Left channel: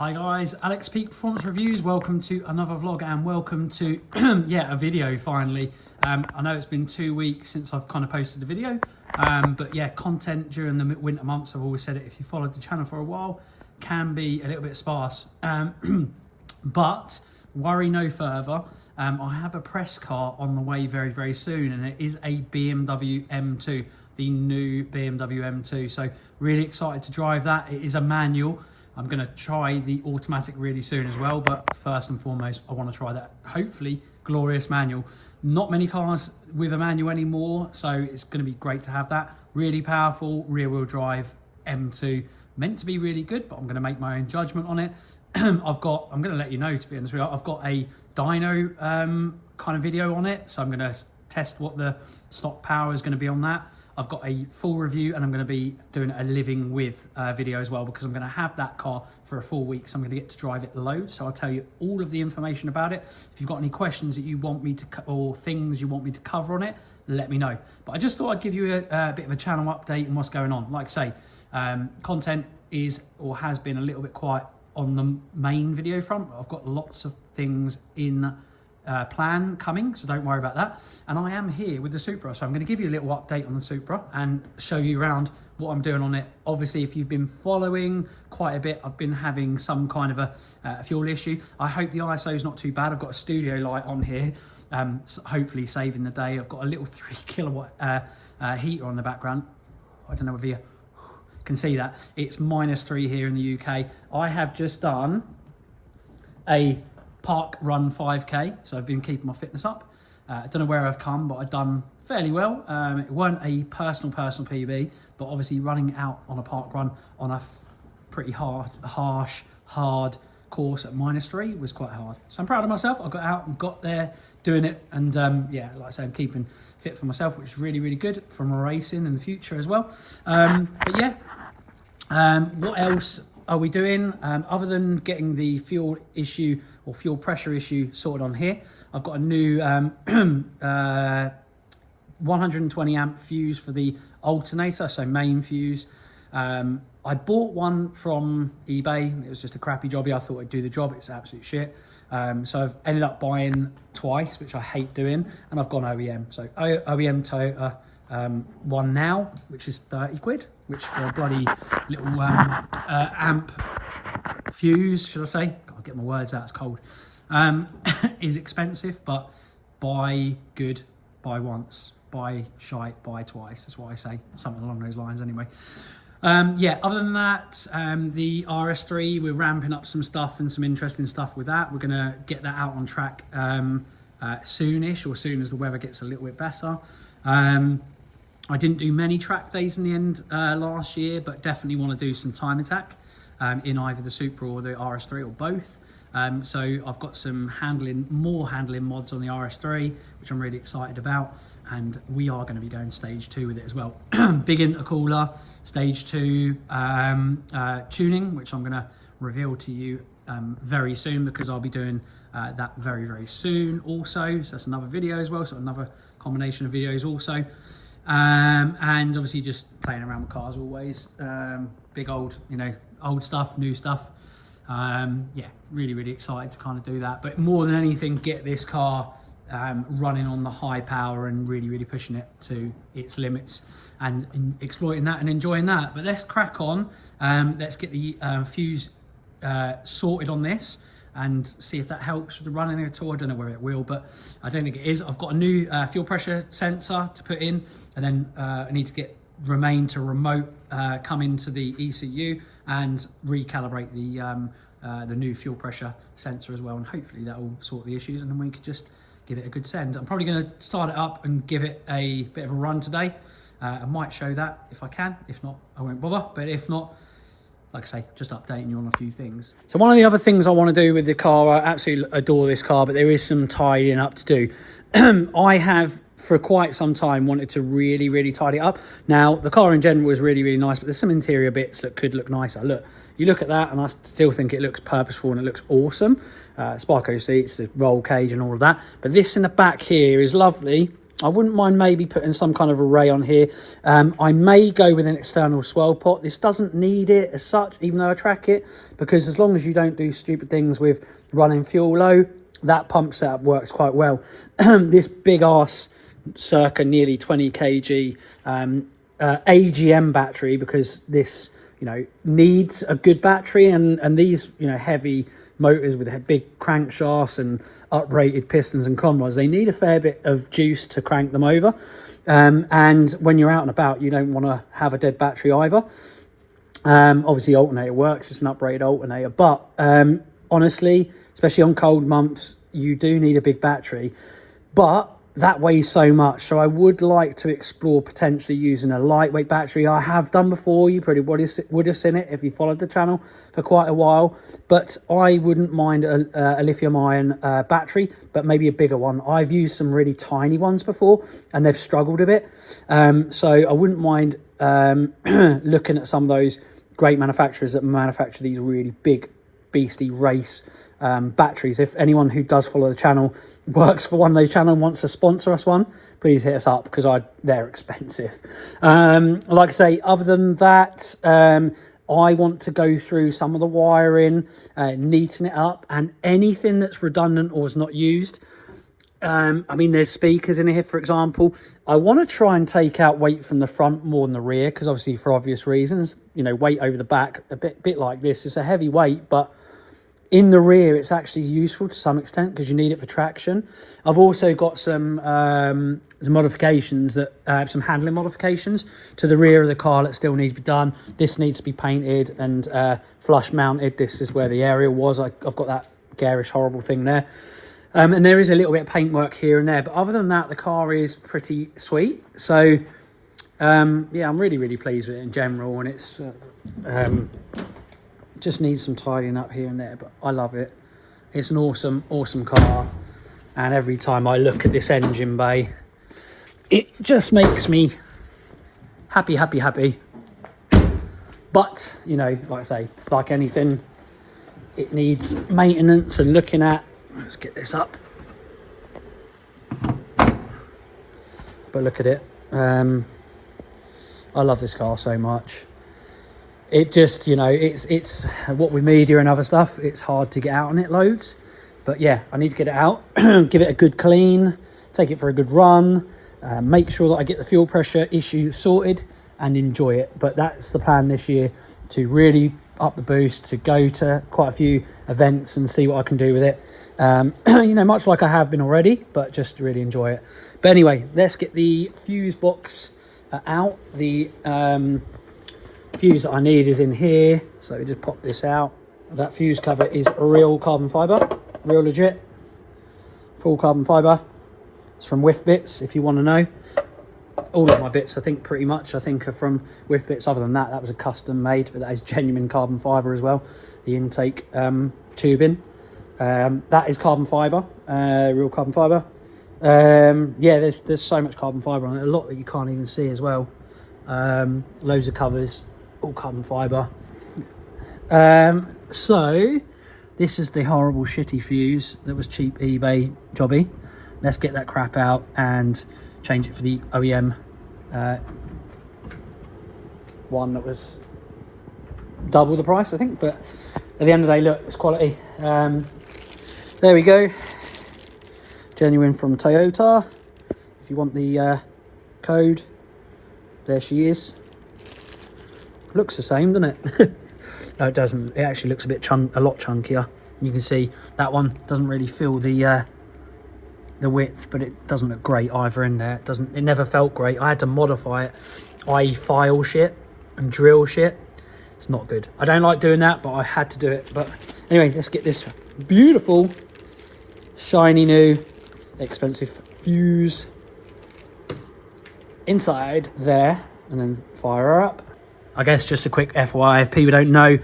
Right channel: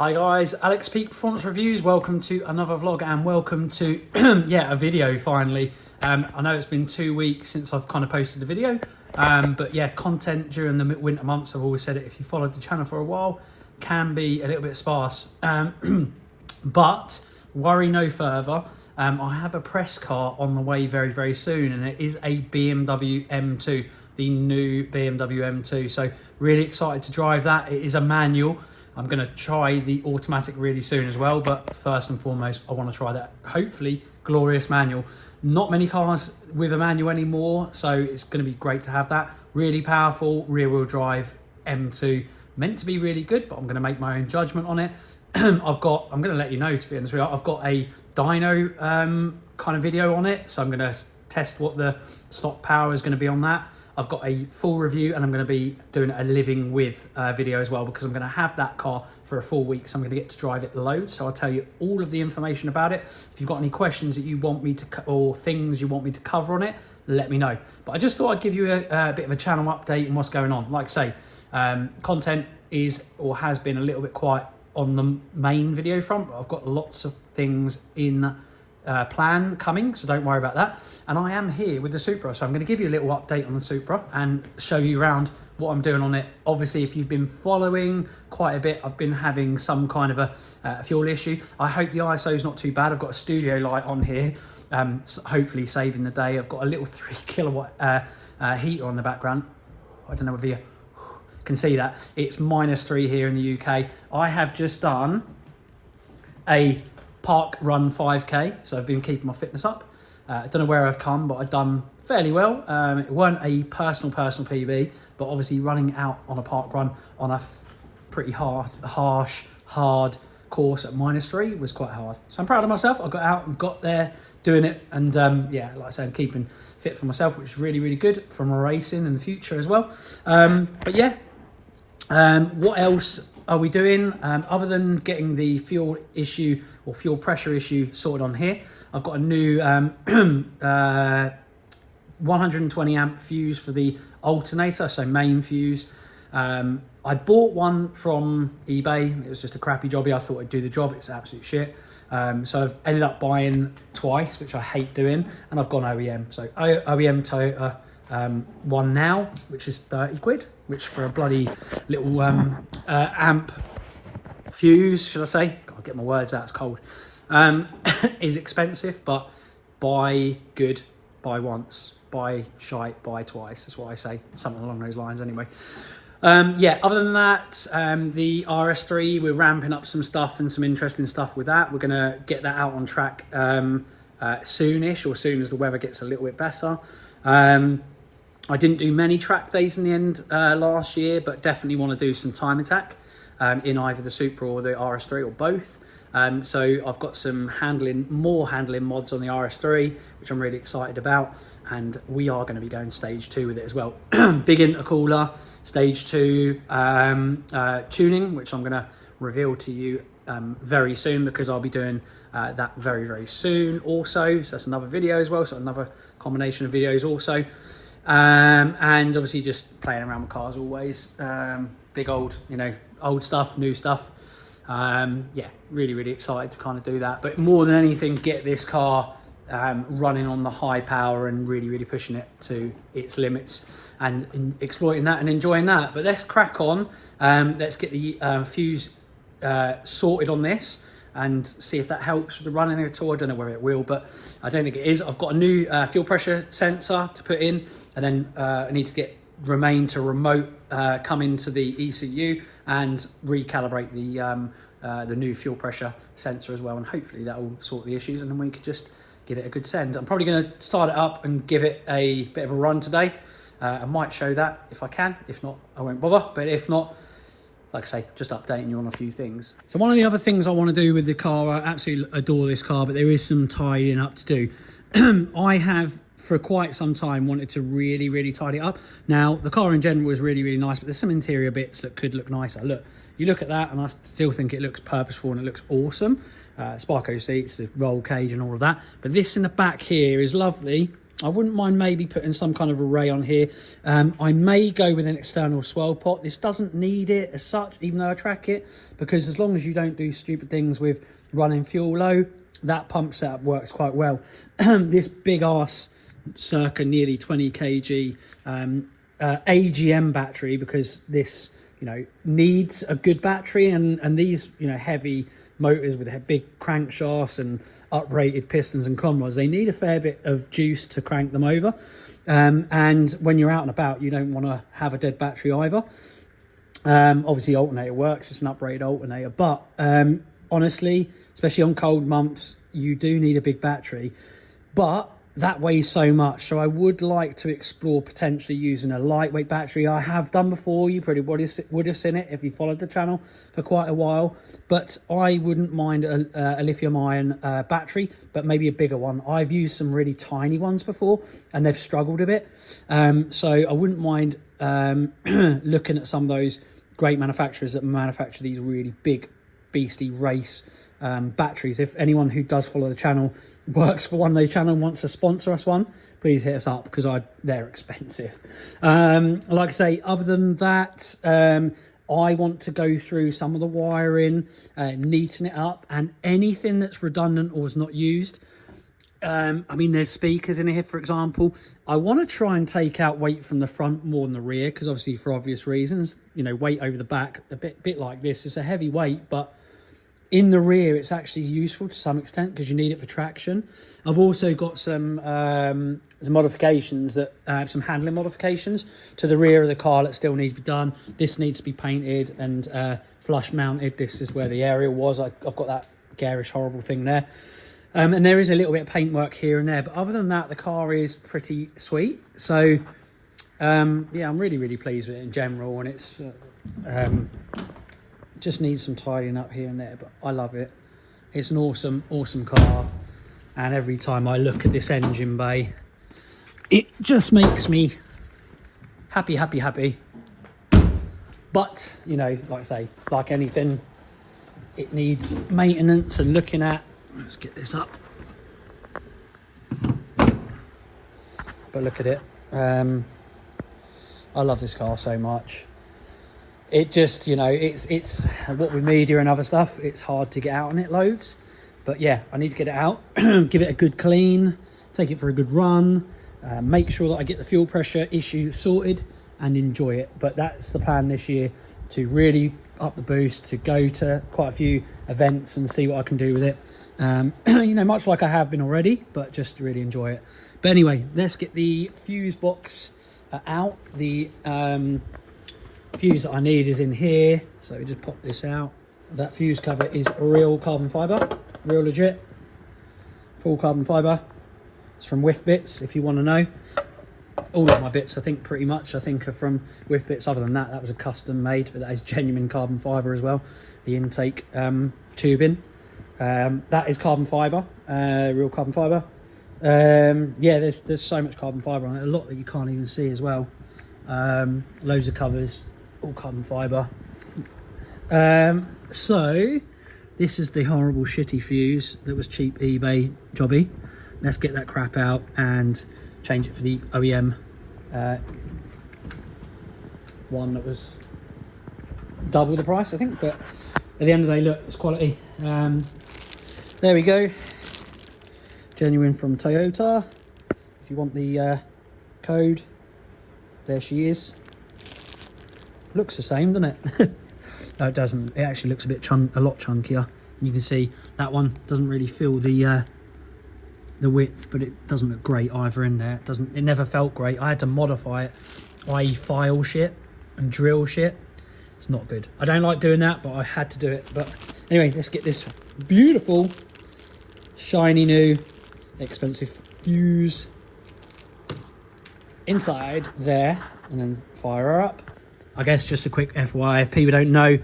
Hi guys, Alex Peak Performance Reviews. Welcome to another vlog and welcome to a video finally. I know it's been 2 weeks since I've kind of posted a video, but yeah, content during the winter months, I've always said it, if you followed the channel for a while, can be a little bit sparse. But worry no further. I have a press car on the way very, very soon, and it is a BMW M2, the new BMW M2. So really excited to drive that. It is a manual. I'm going to try the automatic really soon as well, but first and foremost, I want to try that, hopefully, glorious manual. Not many cars with a manual anymore, so it's going to be great to have that. Really powerful, rear-wheel drive M2. Meant to be really good, but I'm going to make my own judgment on it. I'm going to let you know, to be honest with you, I've got a dyno kind of video on it, so I'm going to test what the stock power is going to be on that. I've got a full review, and I'm going to be doing a living with video as well, because I'm going to have that car for a full week, so I'm going to get to drive it loads. So I'll tell you all of the information about it. If you've got any questions that you want me to, or things you want me to cover on it, let me know. But I just thought I'd give you a bit of a channel update and what's going on. Like I say, content is or has been a little bit quiet on the main video front, but I've got lots of things in plan coming, so don't worry about that. And I am here with the Supra, so I'm going to give you a little update on the Supra and show you around what I'm doing on it. Obviously, if you've been following quite a bit, I've been having some kind of a fuel issue. I hope the ISO is not too bad. I've got a studio light on here, so hopefully saving the day. I've got a little 3 kilowatt heater on the background. I don't know whether you can see that. It's -3 here in the UK. I have just done a park run 5k, so I've been keeping my fitness up. I don't know where I've come, but I've done fairly well. It weren't a personal PB, but obviously running out on a park run on a pretty harsh, hard course at -3 was quite hard. So I'm proud of myself. I got out and got there doing it, and yeah, like I say, I'm keeping fit for myself, which is really, really good for my racing in the future as well. But yeah, what else are we doing other than getting the fuel issue or fuel pressure issue sorted on here? I've got a new 120 amp fuse for the alternator, so main fuse. I bought one from eBay. It was just a crappy jobby. I thought it'd do the job. It's absolute shit. So I've ended up buying twice, which I hate doing, and I've gone OEM. So OEM Toyota one now, which is 30 quid, which for a bloody little amp fuse, should I say? Gotta get my words out, it's cold. Is expensive, but buy good, buy once, buy shite, buy twice. That's what I say, something along those lines anyway. Yeah, other than that, the RS3, we're ramping up some stuff and some interesting stuff with that. We're gonna get that out on track soonish, or soon as the weather gets a little bit better. I didn't do many track days in the end last year, but definitely want to do some time attack in either the Supra or the RS3 or both. So I've got some more handling mods on the RS3, which I'm really excited about, and we are going to be going stage 2 with it as well. Big intercooler, stage 2 tuning, which I'm going to reveal to you very soon, because I'll be doing that very, very soon also. So that's another video as well, so another combination of videos also. And obviously just playing around with cars always. Big old, old stuff, new stuff. Yeah, really, really excited to kind of do that. But more than anything, get this car running on the high power and really, really pushing it to its limits and exploiting that and enjoying that. But let's crack on. Let's get the fuse sorted on this and see if that helps with the running at all. I don't know whether it will, but I don't think it is. I've got a new fuel pressure sensor to put in, and then I need to get Remain to remote come into the ECU and recalibrate the new fuel pressure sensor as well, and hopefully that will sort the issues, and then we could just give it a good send. I'm probably going to start it up and give it a bit of a run today. I might show that if I can. If not, I won't bother. But if not, like I say, just updating you on a few things. So one of the other things I want to do with the car, I absolutely adore this car, but there is some tidying up to do. I have for quite some time wanted to really, really tidy it up. Now, the car in general is really, really nice, but there's some interior bits that could look nicer. Look, you look at that and I still think it looks purposeful and it looks awesome. Sparko seats, the roll cage and all of that. But this in the back here is lovely, I wouldn't mind maybe putting some kind of array on here. I may go with an external swell pot. This doesn't need it as such, even though I track it, because as long as you don't do stupid things with running fuel low, that pump setup works quite well. This big ass circa nearly 20 kg AGM battery, because this, you know, needs a good battery, and these, you know, heavy motors with big crankshafts and uprated pistons and conrods, they need a fair bit of juice to crank them over, and when you're out and about, you don't want to have a dead battery either. Obviously alternator works, it's an uprated alternator, but honestly, especially on cold months, you do need a big battery, but that weighs so much, so I would like to explore potentially using a lightweight battery. I have done before, you probably would have seen it if you followed the channel for quite a while, but I wouldn't mind a lithium ion battery, but maybe a bigger one. I've used some really tiny ones before and they've struggled a bit, so I wouldn't mind looking at some of those great manufacturers that manufacture these really big beastie race batteries. If anyone who does follow the channel works for one of those channels and wants to sponsor us one, please hit us up, because they're expensive. Like I say, other than that, I want to go through some of the wiring, neaten it up, and anything that's redundant or is not used. I mean, there's speakers in here, for example. I want to try and take out weight from the front more than the rear, because obviously for obvious reasons, you know, weight over the back, a bit like this, it's a heavy weight, but in the rear it's actually useful to some extent because you need it for traction. I've also got some modifications, that some handling modifications to the rear of the car that still need to be done. This needs to be painted and flush mounted. This is where the area was. I've got that garish horrible thing there, and there is a little bit of paintwork here and there, but other than that, the car is pretty sweet. So yeah, I'm really pleased with it in general, and it's just needs some tidying up here and there, but I love it. It's an awesome car, and every time I look at this engine bay, it just makes me happy. But you know, like I say, like anything, it needs maintenance and looking at. Let's get this up, but look at it. I love this car so much. It just, you know, it's what with media and other stuff, it's hard to get out on it loads, but yeah, I need to get it out, give it a good clean, take it for a good run, make sure that I get the fuel pressure issue sorted and enjoy it. But that's the plan this year, to really up the boost, to go to quite a few events and see what I can do with it, you know, much like I have been already, but just to really enjoy it. But anyway, let's get the fuse box out. The fuse that I need is in here, so we just pop this out. That fuse cover is real carbon fiber, real legit, full carbon fiber. It's from Whifbitz, if you want to know. All of my bits, I think, pretty much, I think, are from Whifbitz. Other than that, that was a custom made, but that is genuine carbon fiber as well. The intake tubing, that is carbon fiber, real carbon fiber. Yeah, there's so much carbon fiber on it, a lot that you can't even see as well. Loads of covers, all carbon fiber. So this is the horrible shitty fuse that was cheap eBay jobby. Let's get that crap out and change it for the OEM one that was double the price, I think, but at the end of the day, look, it's quality. There we go, genuine from Toyota. If you want the code, there she is. Looks the same, doesn't it? No, it doesn't. It actually looks a lot chunkier. You can see that one doesn't really feel the width, but it doesn't look great either in there. It never felt great. I had to modify it, i.e. file shit and drill shit. It's not good. I don't like doing that, but I had to do it. But anyway, let's get this beautiful, shiny new, expensive fuse inside there, and then fire her up. I guess just a quick FYI, if people don't know,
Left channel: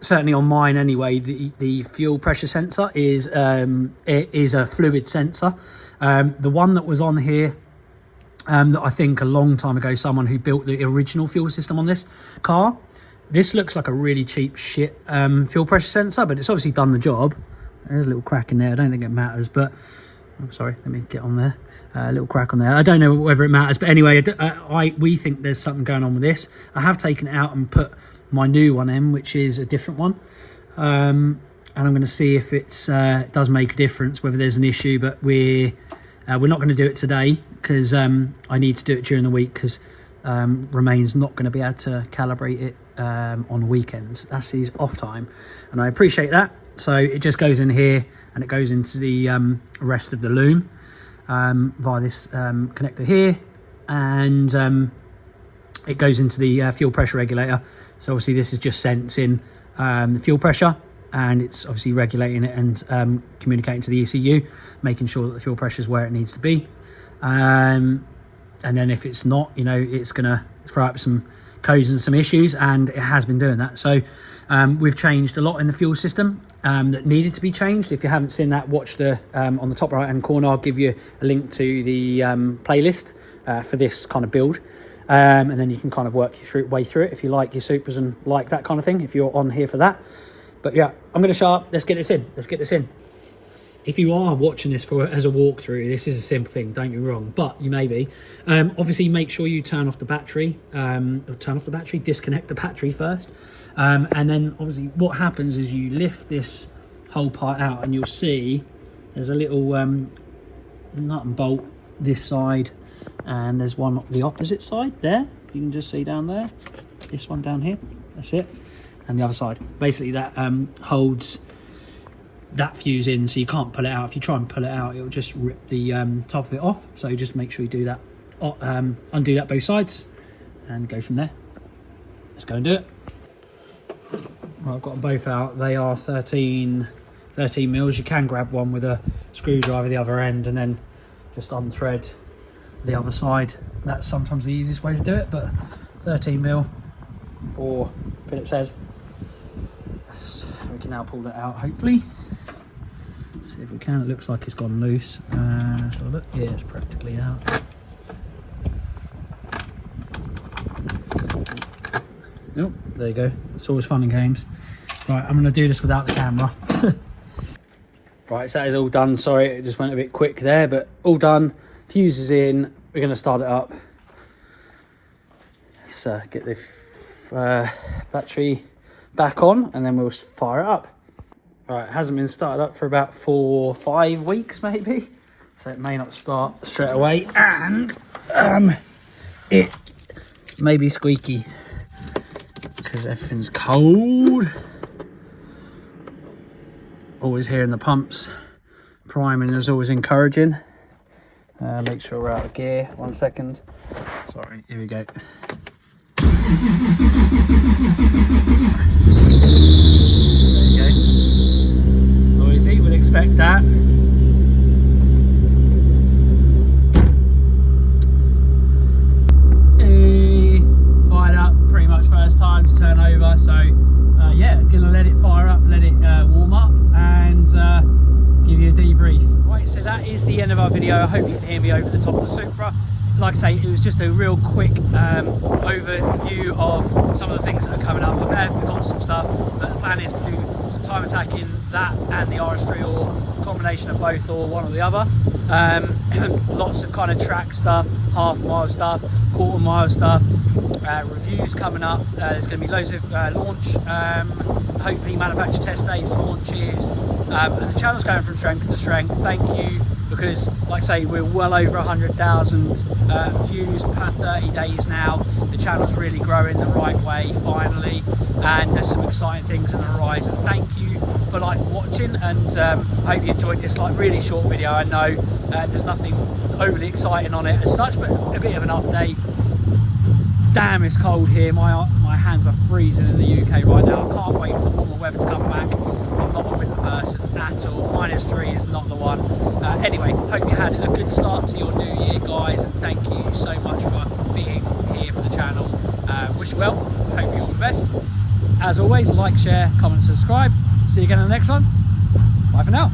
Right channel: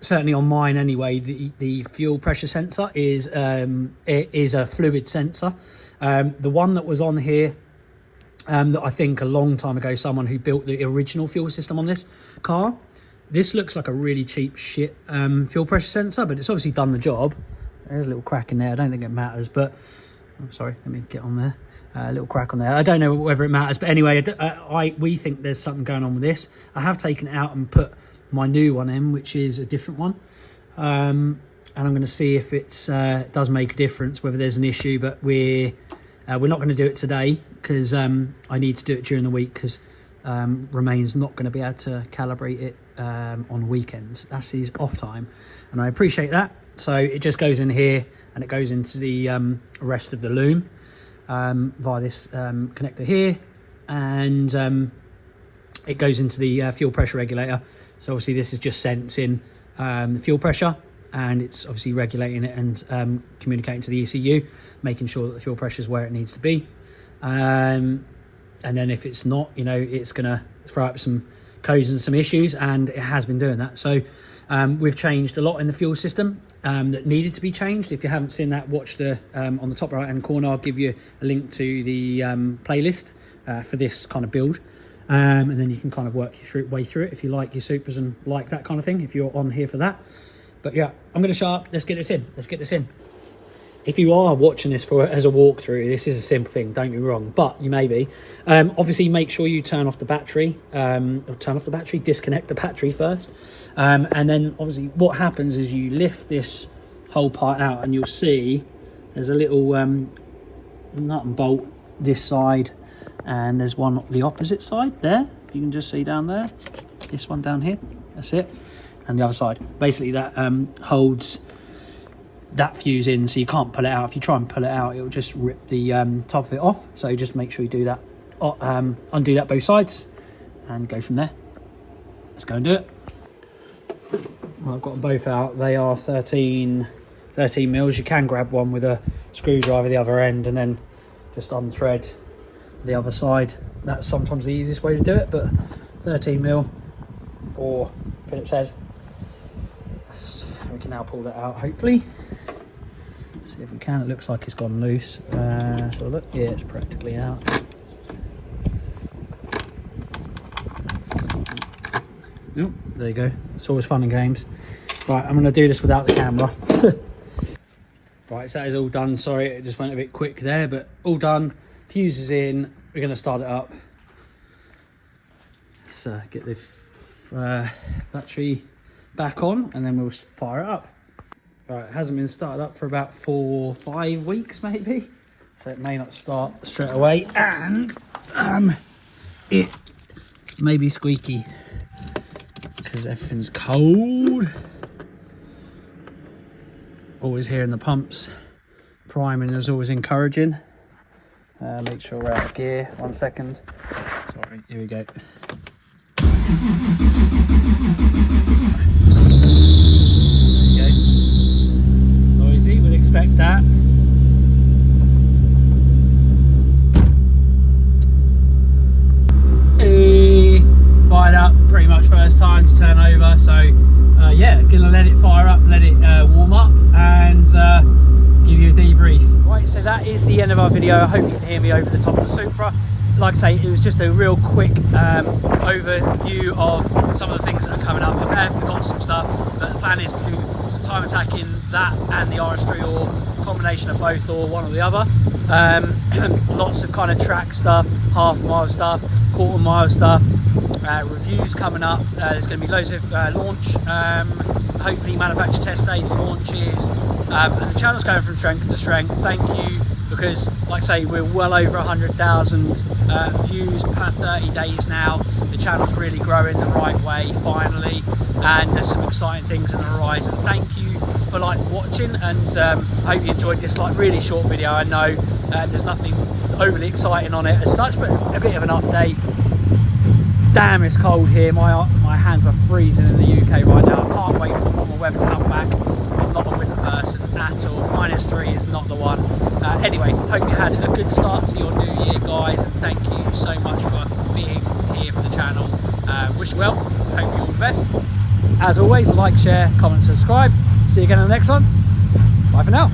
certainly on mine anyway, the fuel pressure sensor is a fluid sensor. The one that was on here, that I think a long time ago, someone who built the original fuel system on this car, this looks like a really cheap shit fuel pressure sensor, but it's obviously done the job. There's a little crack in there, I don't think it matters, but I'm sorry, let me get on there. A little crack on there. I don't know whether it matters, but anyway, we think there's something going on with this. I have taken it out and put my new one in, which is a different one, and I'm going to see if it does make a difference, whether there's an issue. But we're not going to do it today because I need to do it during the week, because Romain's not going to be able to calibrate it on weekends. That's his off time, and I appreciate that. So it just goes in here and it goes into the rest of the loom via this connector here, and it goes into the fuel pressure regulator. So obviously this is just sensing the fuel pressure, and it's obviously regulating it and communicating to the ECU, making sure that the fuel pressure is where it needs to be. And then if it's not, you know, it's gonna throw up some codes and some issues, and it has been doing that. So we've changed a lot in the fuel system that needed to be changed. If you haven't seen that, watch the on the top right hand corner, I'll give you a link to the playlist for this kind of build, and then you can kind of work your way through it if you like your Supras and like that kind of thing, if you're on here for that. But yeah, I'm going to shut up. Let's get this in. If you are watching this as a walkthrough, this is a simple thing, don't get me wrong, but you may be. Obviously, make sure you turn off the battery, disconnect the battery first. And then obviously what happens is you lift this whole part out, and you'll see there's a little nut and bolt this side, and there's one on the opposite side there. You can just see down there, this one down here, that's it. And the other side, basically that holds that fuse in, so you can't pull it out. If you try and pull it out, it'll just rip the top of it off. So just make sure you do that, undo that both sides, and go from there. Let's go and do it. Well, I've got them both out. They are 13 mils. You can grab one with a screwdriver the other end and then just unthread the other side. That's sometimes the easiest way to do it, but 13 mil or Philip says. So we can now pull that out, hopefully. See if we can. It looks like it's gone loose. So look, yeah, it's practically out. Oh, there you go. It's always fun and games. Right, I'm going to do this without the camera. Right, so that is all done. Sorry, it just went a bit quick there, but all done. Fuse is in. We're going to start it up. So get the battery back on, and then we'll fire it up. Right, it hasn't been started up for about 4 or 5 weeks maybe, so it may not start straight away, and it may be squeaky because everything's cold. Always hearing the pumps. Priming is always encouraging. Make sure we're out of gear. 1 second. Sorry, here we go. Noisy, would expect that. Fired up pretty much first time to turn over, so yeah, gonna let it fire up, let it warm up, and give you a debrief. Right, so that is the end of our video. I hope you can hear me over the top of the Supra. Like I say, it was just a real quick overview of some of the things that are coming up. I may have forgotten some stuff, but the plan is to do some time attacking that and the RS3, or combination of both, or one or the other. Lots of kind of track stuff, half-mile stuff, quarter-mile stuff, reviews coming up. There's going to be loads of launch, hopefully manufacturer test days, launches, and the channel's going from strength to strength. Thank you, because like I say, we're well over 100,000 views per 30 days now. The channel's really growing the right way finally, and there's some exciting things on the horizon. Thank you for watching, and I hope you enjoyed this really short video. I know there's nothing overly exciting on it as such, but a bit of an update. Damn, it's cold here. My hands are freezing in the UK right now. I can't wait for the warmer weather to come back. I'm not a winter person at all. -3 is not the one. Anyway, hope you had a good start to your new year, guys, and thank you so much for being here for the channel. Wish you well. Hope you all the best. As always, like, share, comment, subscribe. See you again in the next one. Bye for now.